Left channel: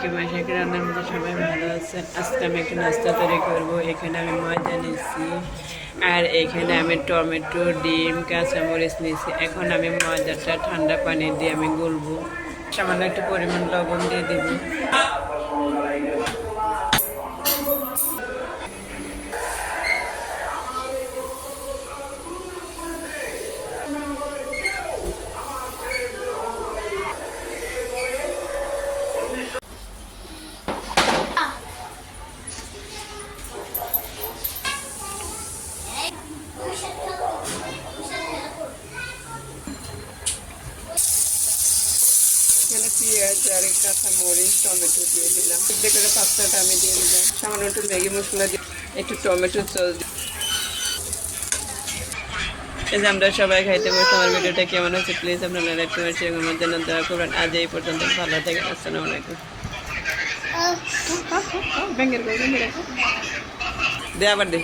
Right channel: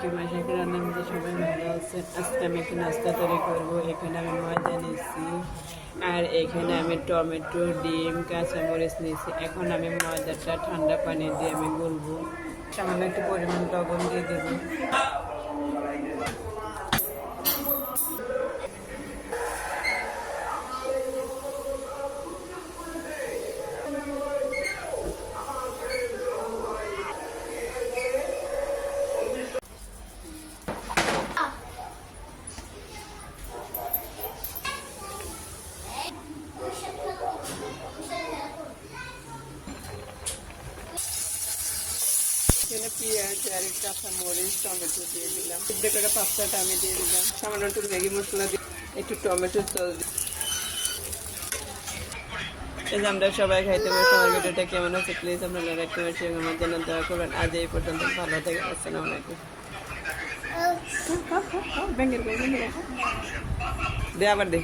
কি মাসে রান্নার মধ্যে সবাই ভালো আছেন। আজকে আমি একটা নাস্তা তৈরি করবো। এখানে আমি ময়দা নিচ্ছি আর এখানে আমি টমেটো, ডিম, কাঁচামরিচ নিয়েছি। এখন আমি ময়দাটা ঠান্ডা পানি দিয়ে আমি গুলবো। সামান্য একটু পরিমাণ লবণ দিয়ে দিব। পেঁয়াজ আর কাঁচামরিচ, টমেটো দিয়ে দিলাম। যে করে পাস্তাটা আমি দিয়ে দিলাম। সামান্য একটু ম্যাগি মশলা দিয়ে একটু টমেটো সস। এই যে আমরা সবাই খাইতে বসে। আমার ভিডিওটা কেমন হচ্ছে প্লিজ আপনারা লাইক কমেন্ট শেয়ার আমার জন্য দয়া করবেন। আজ এই পর্যন্ত, ভালো থাকেন। আসসালামু আলাইকুম। দে আবার দে।